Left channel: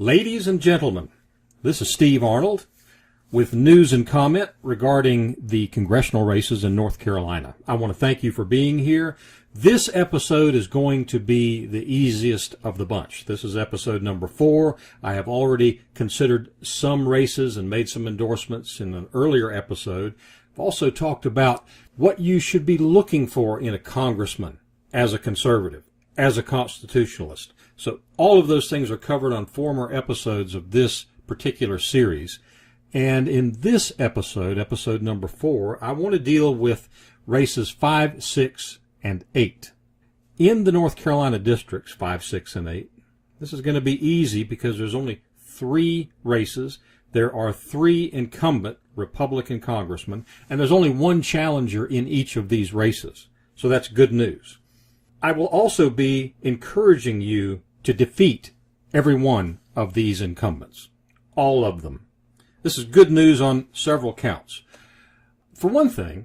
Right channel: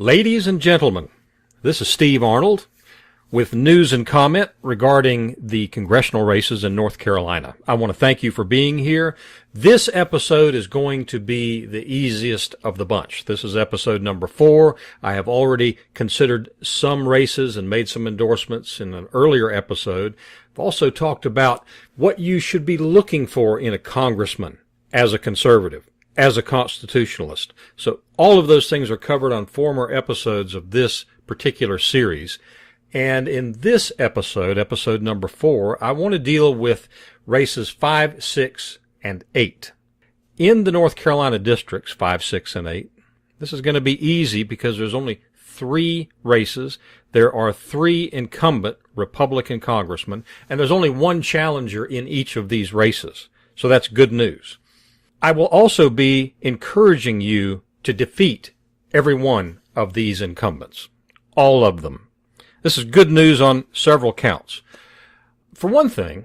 Ladies and gentlemen, this is Steve Arnold with news and comment regarding the congressional races in North Carolina. I want to thank you for being here. This episode is going to be the easiest of the bunch. This is episode number 4. I have already considered some races and made some endorsements in an earlier episode. I've also talked about what you should be looking for in a congressman as a conservative, as a constitutionalist. So all of those things are covered on former episodes of this particular series. And in this episode, episode number 4, I want to deal with races 5, 6, and 8. In the North Carolina districts 5, 6, and 8, this is going to be easy because there's only 3 races. There are 3 incumbent Republican congressmen, and there's only 1 challenger in each of these races. So that's good news. I will also be encouraging you to defeat every one of these incumbents, all of them. This is good news on several counts. For one thing,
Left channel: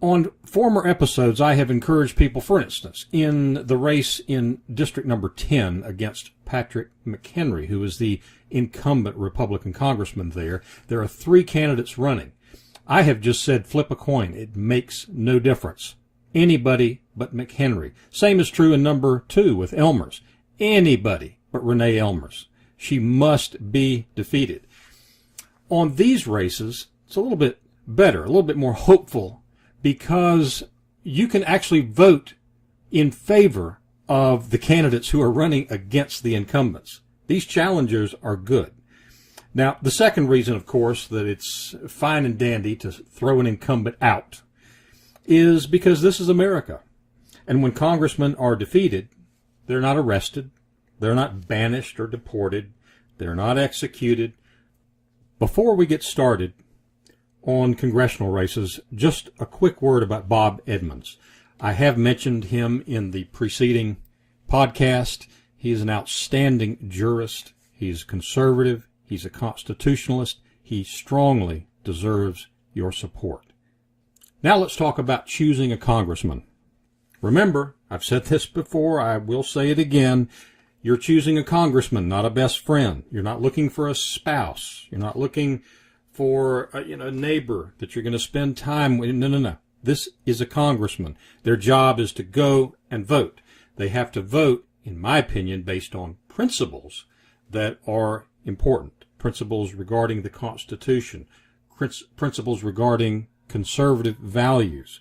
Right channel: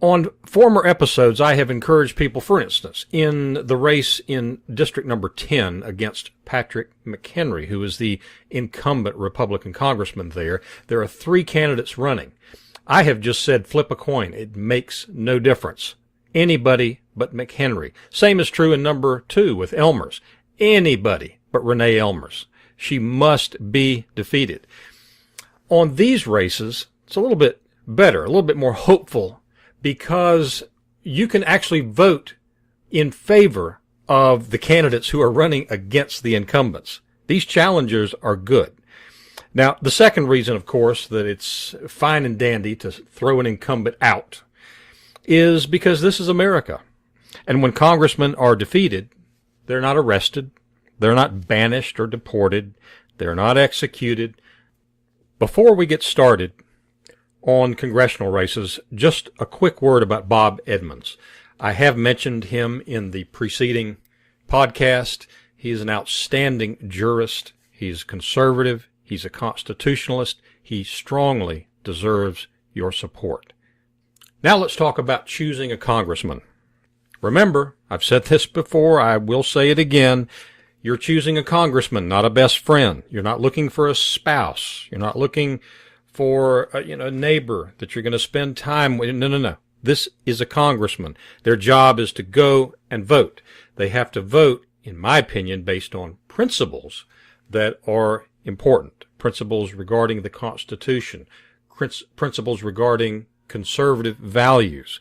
on former episodes, I have encouraged people, for instance, in the race in District number 10 against Patrick McHenry, who is the incumbent Republican congressman there. There are 3 candidates running. I have just said flip a coin. It makes no difference. Anybody but McHenry. Same is true in number 2 with Elmers. Anybody but Renee Elmers. She must be defeated. On these races, it's a little bit better, a little bit more hopeful, because you can actually vote in favor of the candidates who are running against the incumbents. These challengers are good. Now, the second reason, of course, that it's fine and dandy to throw an incumbent out is because this is America. And when congressmen are defeated, they're not arrested, they're not banished or deported, they're not executed. Before we get started on congressional races, just a quick word about Bob Edmunds. I have mentioned him in the preceding podcast. He's an outstanding jurist. He's conservative. He's a constitutionalist. He strongly deserves your support. Now let's talk about choosing a congressman. Remember, I've said this before, I will say it again, you're choosing a congressman, not a best friend. You're not looking for a spouse. You're not looking for a neighbor that you're going to spend time with. No. This is a congressman. Their job is to go and vote. They have to vote, in my opinion, based on principles that are important. Principles regarding the Constitution, principles regarding conservative values.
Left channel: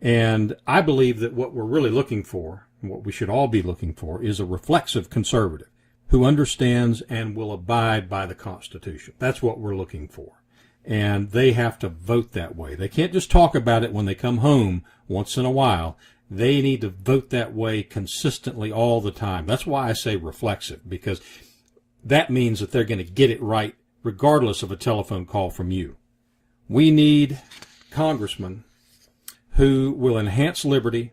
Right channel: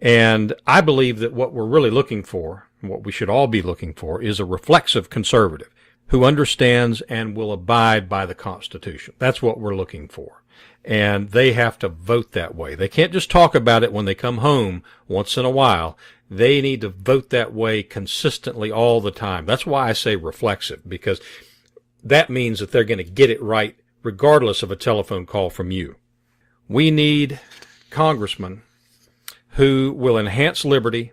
And I believe that what we're really looking for, what we should all be looking for, is a reflexive conservative who understands and will abide by the Constitution. That's what we're looking for. And they have to vote that way. They can't just talk about it when they come home once in a while. They need to vote that way consistently all the time. That's why I say reflexive, because that means that they're going to get it right regardless of a telephone call from you. We need congressmen who will enhance liberty,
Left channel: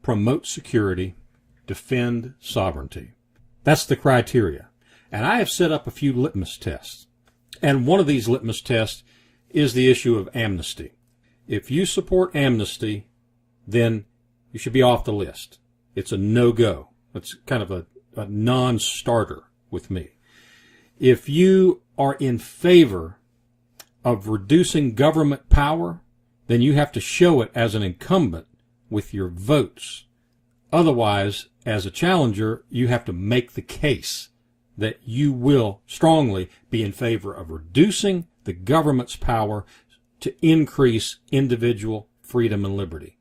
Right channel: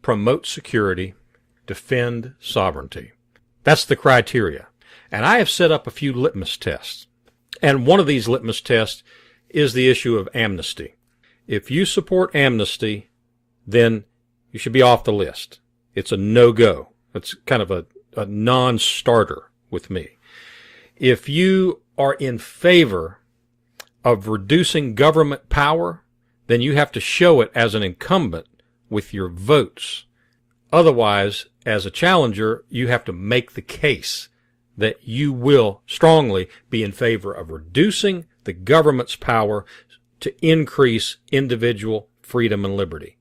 promote security, defend sovereignty. That's the criteria. And I have set up a few litmus tests. And one of these litmus tests is the issue of amnesty. If you support amnesty, then you should be off the list. It's a no-go. It's kind of a non-starter with me. If you are in favor of reducing government power, then you have to show it as an incumbent with your votes. Otherwise, as a challenger, you have to make the case that you will strongly be in favor of reducing the government's power to increase individual freedom and liberty.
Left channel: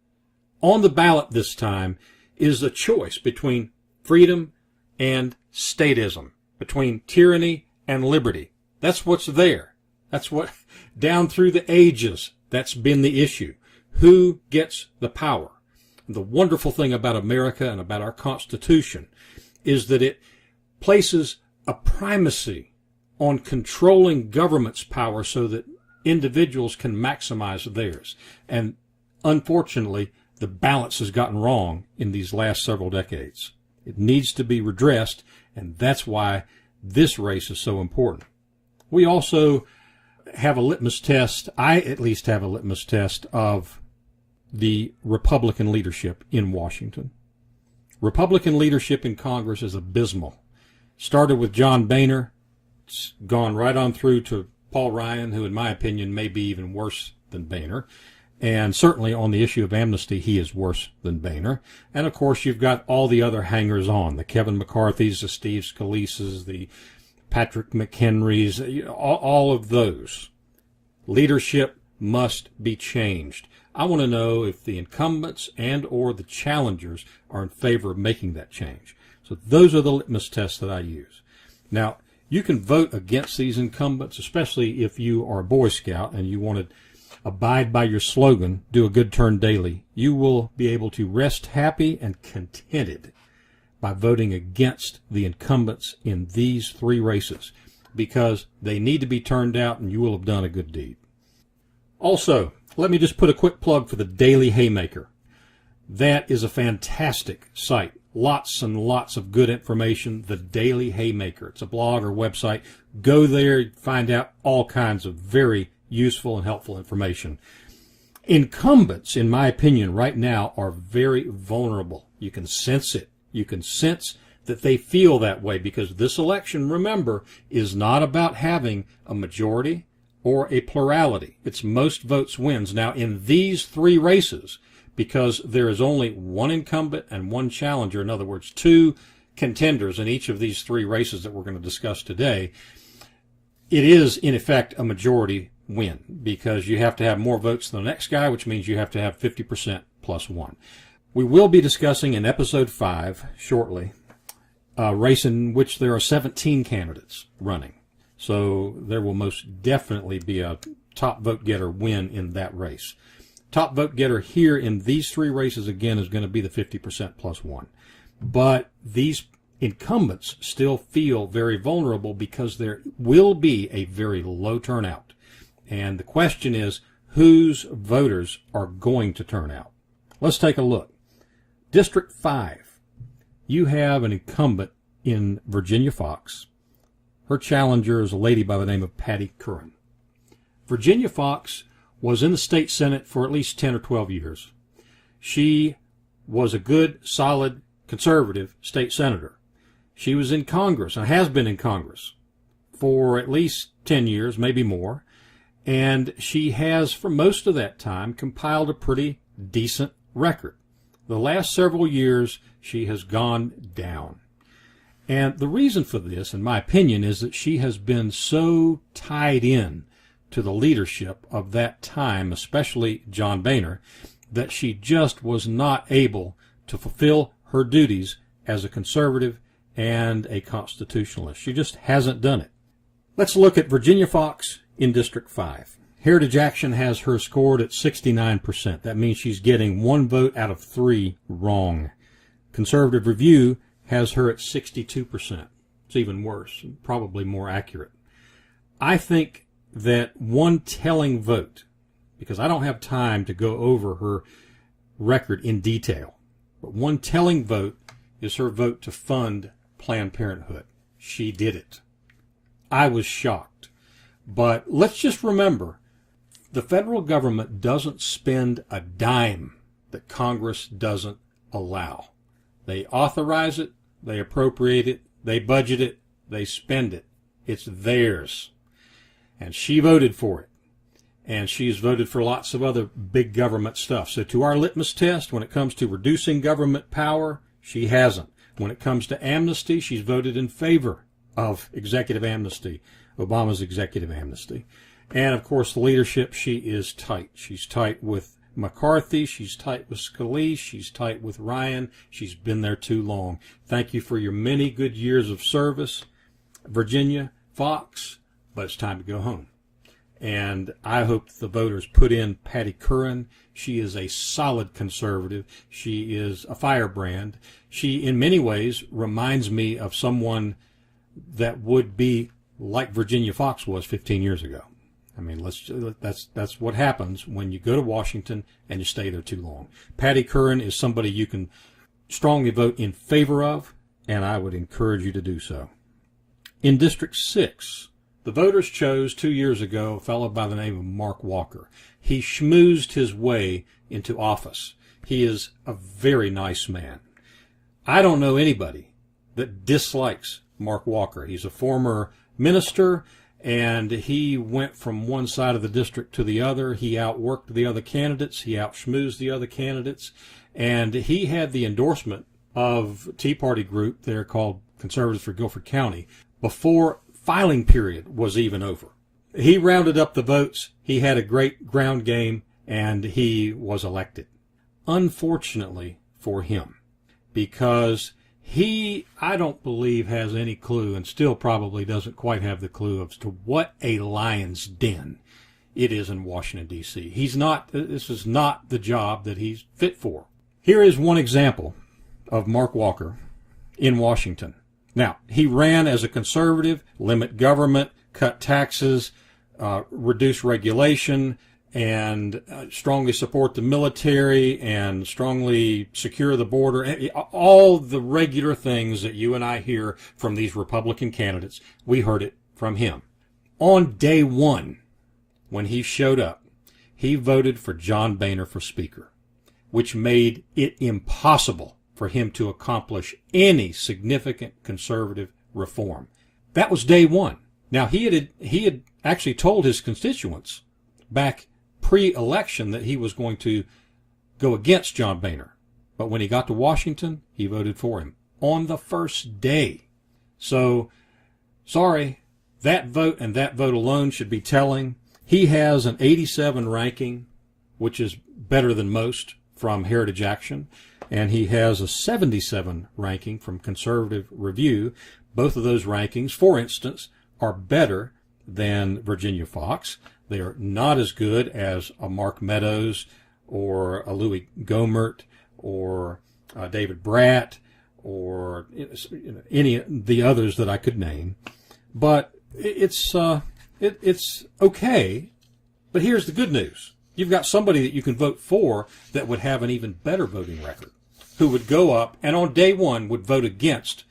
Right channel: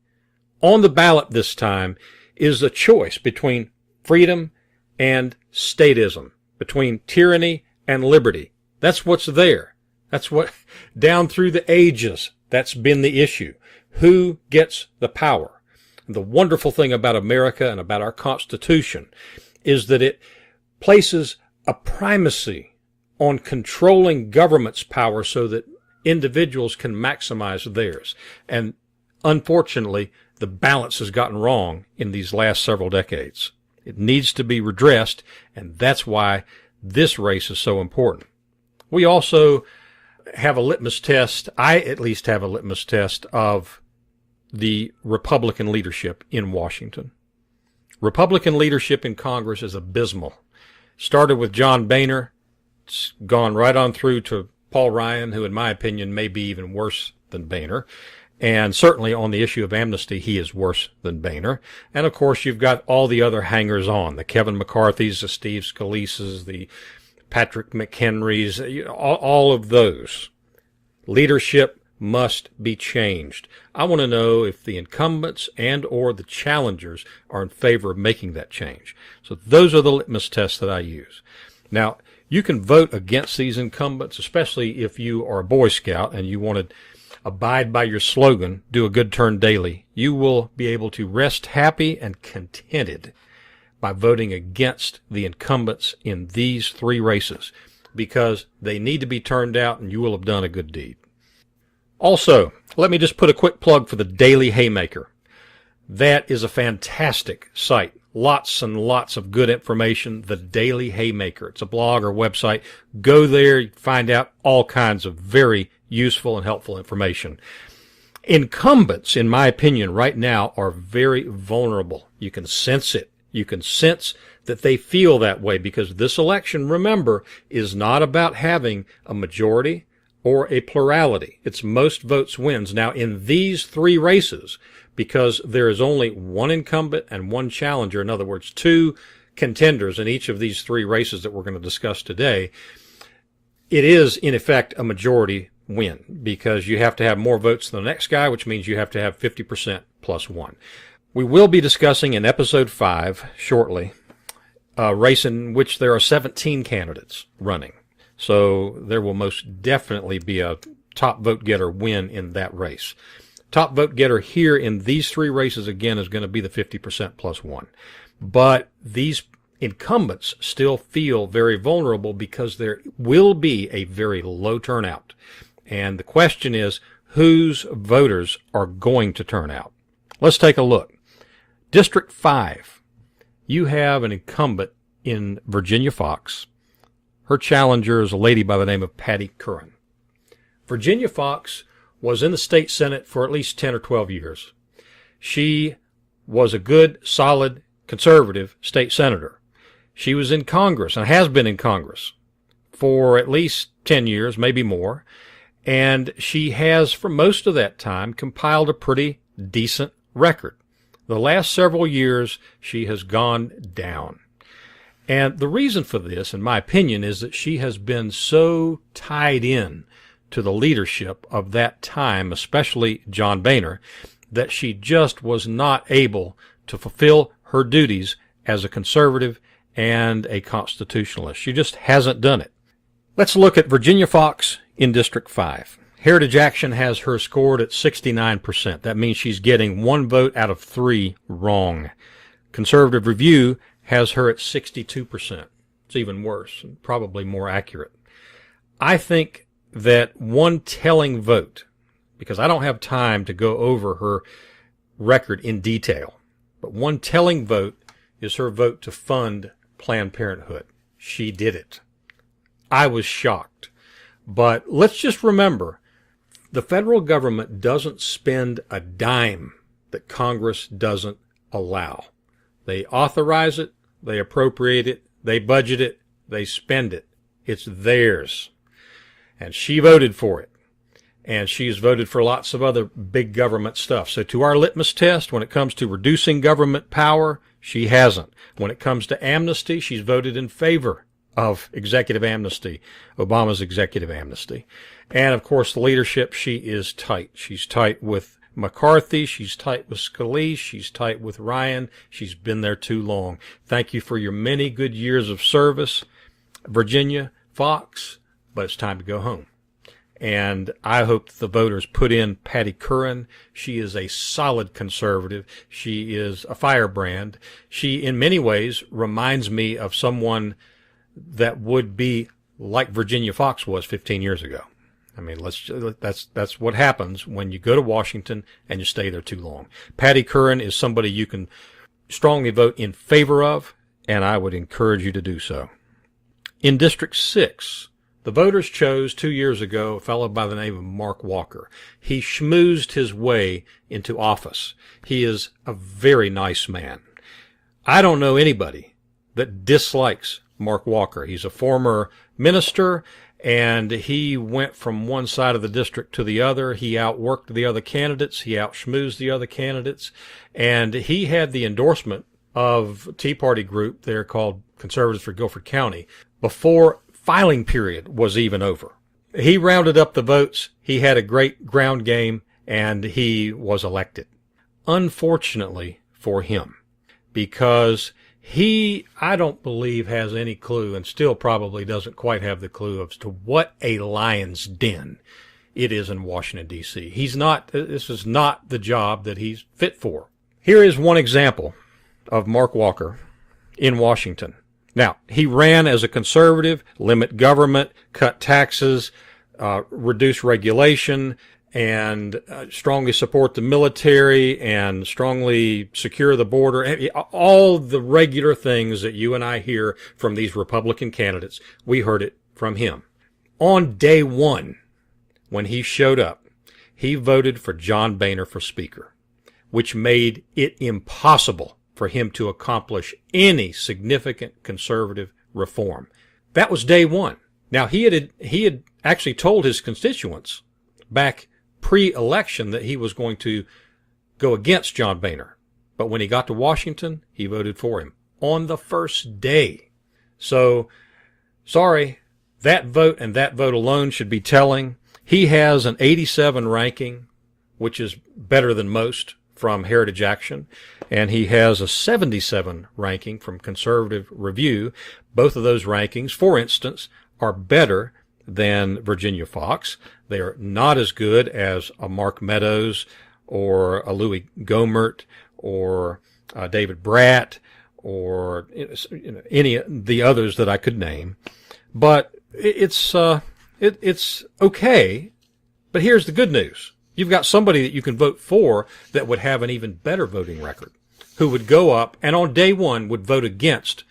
On the ballot this time is a choice between freedom and statism, between tyranny and liberty. That's what's there. That's what, down through the ages, that's been the issue. Who gets the power? The wonderful thing about America and about our Constitution is that it places a primacy on controlling government's power so that individuals can maximize theirs. And unfortunately, the balance has gotten wrong in these last several decades. It needs to be redressed, and that's why this race is so important. We also have a litmus test, I at least have a litmus test of the Republican leadership in Washington. Republican leadership in Congress is abysmal. Started with John Boehner, it's gone right on through to Paul Ryan, who in my opinion may be even worse than Boehner. And certainly on the issue of amnesty, he is worse than Boehner. And of course, you've got all the other hangers-on, the Kevin McCarthy's, the Steve Scalise's, the Patrick McHenry's, all of those. Leadership must be changed. I want to know if the incumbents and or the challengers are in favor of making that change. So those are the litmus tests that I use. Now, you can vote against these incumbents, especially if you are a Boy Scout and you want to abide by your slogan, do a good turn daily. You will be able to rest happy and contented by voting against the incumbents in these three races, because they need to be turned out and you will have done a good deed. Also, let me just put a quick plug for the Daily Haymaker. That is a fantastic site. Lots and lots of good information. The Daily Haymaker. It's a blog or website. Go there, find out all kinds of very useful and helpful information. Incumbents, in my opinion, right now are very vulnerable. You can sense it. You can sense that they feel that way, because this election, remember, is not about having a majority or a plurality. It's most votes wins. Now, in these three races, because there is only one incumbent and one challenger, in other words, two contenders in each of these three races that we're going to discuss today, it is, in effect, a majority win, because you have to have more votes than the next guy, which means you have to have 50% plus one. We will be discussing in episode 5 shortly a race in which there are 17 candidates running. So there will most definitely be a top vote getter win in that race. Top vote getter here in these three races, again, is going to be the 50% plus one. But these incumbents still feel very vulnerable because there will be a very low turnout. And the question is, whose voters are going to turn out? Let's take a look. District 5, you have an incumbent in Virginia Fox. Her challenger is a lady by the name of Patty Curran. Virginia Fox was in the state Senate for at least 10 or 12 years. She was a good, solid, conservative state senator. She was in Congress and has been in Congress for at least 10 years, maybe more. And she has, for most of that time, compiled a pretty decent record. The last several years, she has gone down. And the reason for this, in my opinion, is that she has been so tied in to the leadership of that time, especially John Boehner, that she just was not able to fulfill her duties as a conservative and a constitutionalist. She just hasn't done it. Let's look at Virginia Fox in District 5. Heritage Action has her scored at 69%. That means she's getting 1 vote out of 3 wrong. Conservative Review has her at 62%. It's even worse, and probably more accurate. I think that one telling vote, because I don't have time to go over her record in detail, but one telling vote is her vote to fund Planned Parenthood. She did it. I was shocked. But let's just remember, the federal government doesn't spend a dime that Congress doesn't allow. They authorize it, they appropriate it, they budget it, they spend it. It's theirs. And she voted for it. And she's voted for lots of other big government stuff. So to our litmus test, when it comes to reducing government power, she hasn't. When it comes to amnesty, she's voted in favor of executive amnesty, Obama's executive amnesty. And of course, the leadership, she is tight. She's tight with McCarthy, she's tight with Scalise, she's tight with Ryan. She's been there too long. Thank you for your many good years of service, Virginia Fox, but it's time to go home. And I hope the voters put in Patty Curran. She is a solid conservative. She is a firebrand. She, in many ways, reminds me of someone that would be like Virginia Fox was 15 years ago. I mean, that's what happens when you go to Washington and you stay there too long. Patty Curran is somebody you can strongly vote in favor of, and I would encourage you to do so. In District 6, the voters chose 2 years ago a fellow by the name of Mark Walker. He schmoozed his way into office. He is a very nice man. I don't know anybody that dislikes Mark Walker. He's a former minister, and he went from one side of the district to the other. He outworked the other candidates. He outschmoozed the other candidates. And he had the endorsement of a Tea Party group there called Conservatives for Guilford County before filing period was even over. He rounded up the votes. He had a great ground game, and he was elected. Unfortunately for him, because he, I don't believe, has any clue, and still probably doesn't quite have the clue as to what a lion's den it is in Washington, D.C. This is not the job that he's fit for. Here is one example of Mark Walker in Washington. Now, he ran as a conservative, limit government, cut taxes, reduce regulation, and strongly support the military and strongly secure the border. All the regular things that you and I hear from these Republican candidates, we heard it from him. On day one, when he showed up, he voted for John Boehner for Speaker, which made it impossible for him to accomplish any significant conservative reform. That was day one. Now, he had actually told his constituents back pre-election that he was going to go against John Boehner. But when he got to Washington, he voted for him on the first day. So, sorry, that vote and that vote alone should be telling. He has an 87 ranking, which is better than most from Heritage Action, and he has a 77 ranking from Conservative Review. Both of those rankings, for instance, are better than Virginia Fox. They are not as good as a Mark Meadows or a Louis Gohmert or David Bratt or any of the others that I could name. But it's okay. But here's the good news. You've got somebody that you can vote for that would have an even better voting record, who would go up and on day one would vote against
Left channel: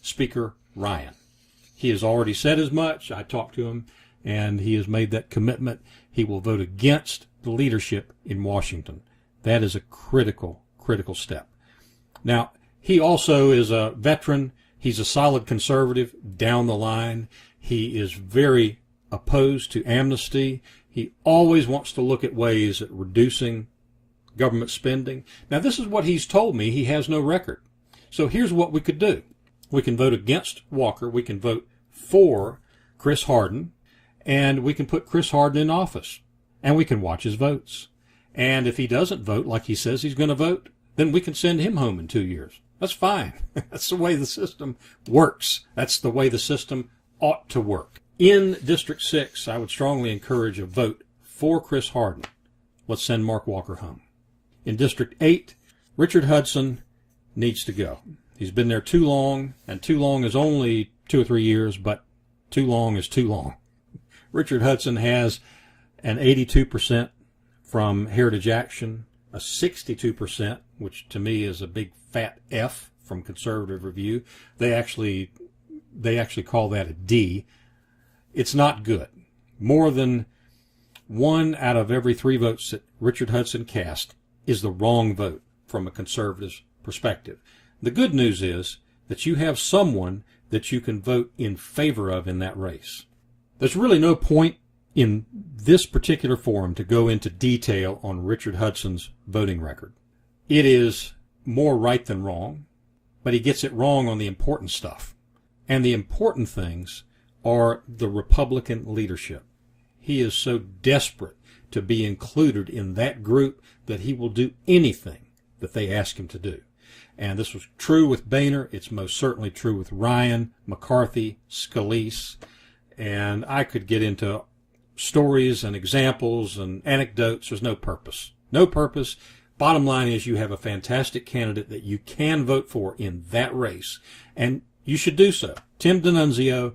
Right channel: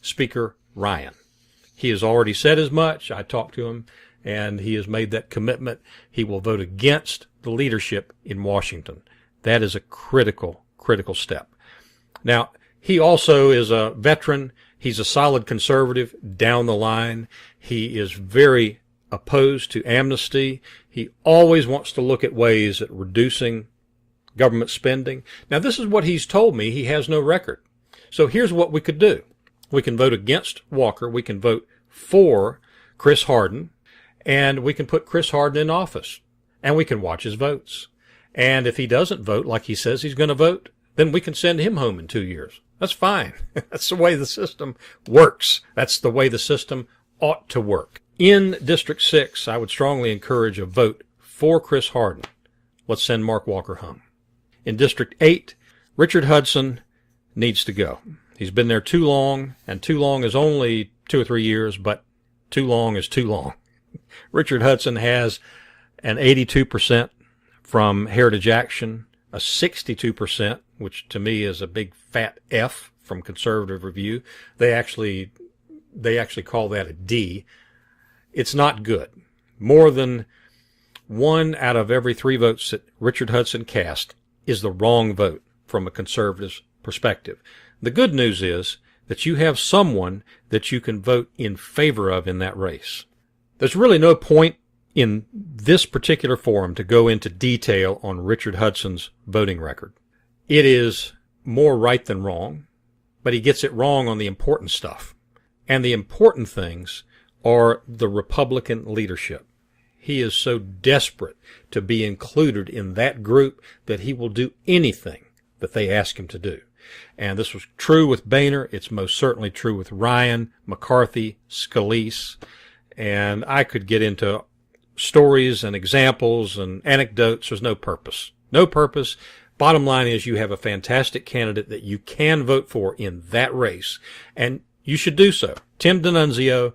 Speaker Ryan. He has already said as much. I talked to him, and he has made that commitment. He will vote against the leadership in Washington. That is a critical step. Now, he also is a veteran. He's a solid conservative down the line. He is very opposed to amnesty. He always wants to look at ways at reducing government spending. Now, this is what he's told me. He has no record. So here's what we could do. We can vote against Walker. We can vote for Chris Hardin. And we can put Chris Hardin in office. And we can watch his votes. And if he doesn't vote like he says he's going to vote, then we can send him home in 2 years. That's fine. That's the way the system works. That's the way the system ought to work. In District 6, I would strongly encourage a vote for Chris Hardin. Let's send Mark Walker home. In District 8, Richard Hudson needs to go. He's been there too long, and too long is only 2 or 3 years, but too long is too long. Richard Hudson has an 82% from Heritage Action, a 62%, which to me is a big fat F from Conservative Review. They actually call that a D. It's not good. More than 1 out of every 3 votes that Richard Hudson cast is the wrong vote from a conservative's perspective. The good news is that you have someone that you can vote in favor of in that race. There's really no point in this particular forum to go into detail on Richard Hudson's voting record. It is more right than wrong, but he gets it wrong on the important stuff. And the important things are the Republican leadership. He is so desperate to be included in that group that he will do anything that they ask him to do. And this was true with Boehner. It's most certainly true with Ryan, McCarthy, Scalise. And I could get into stories and examples and anecdotes. There's no purpose. No purpose. Bottom line is you have a fantastic candidate that you can vote for in that race. And you should do so. Tim D'Annunzio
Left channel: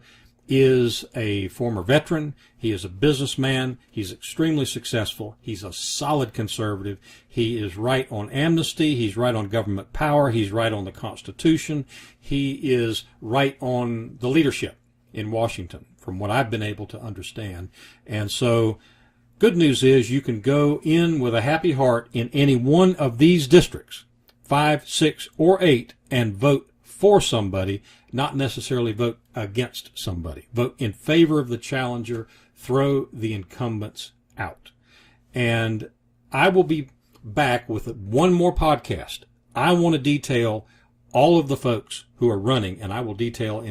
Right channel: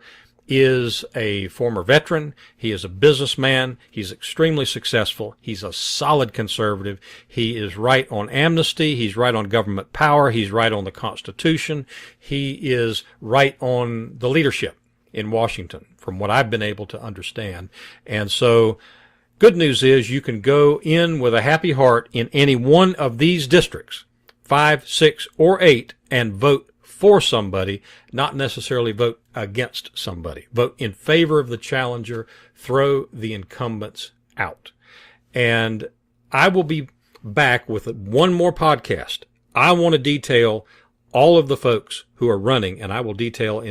is a former veteran. He is a businessman. He's extremely successful. He's a solid conservative. He is right on amnesty. He's right on government power. He's right on the Constitution. He is right on the leadership in Washington, from what I've been able to understand. And so good news is you can go in with a happy heart in any one of these districts, 5, 6, or 8, and vote for somebody, not necessarily vote against somebody. Vote in favor of the challenger, throw the incumbents out. And I will be back with one more podcast. I want to detail all of the folks who are running, and I will detail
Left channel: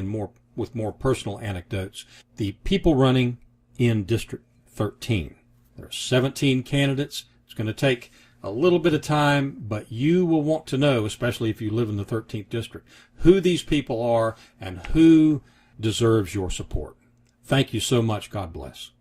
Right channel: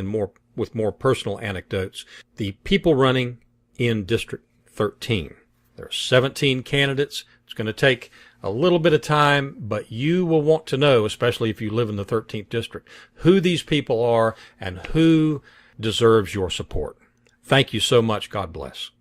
with more personal anecdotes, the people running in District 13. There are 17 candidates. It's going to take a little bit of time, but you will want to know, especially if you live in the 13th district, who these people are and who deserves your support. Thank you so much. God bless.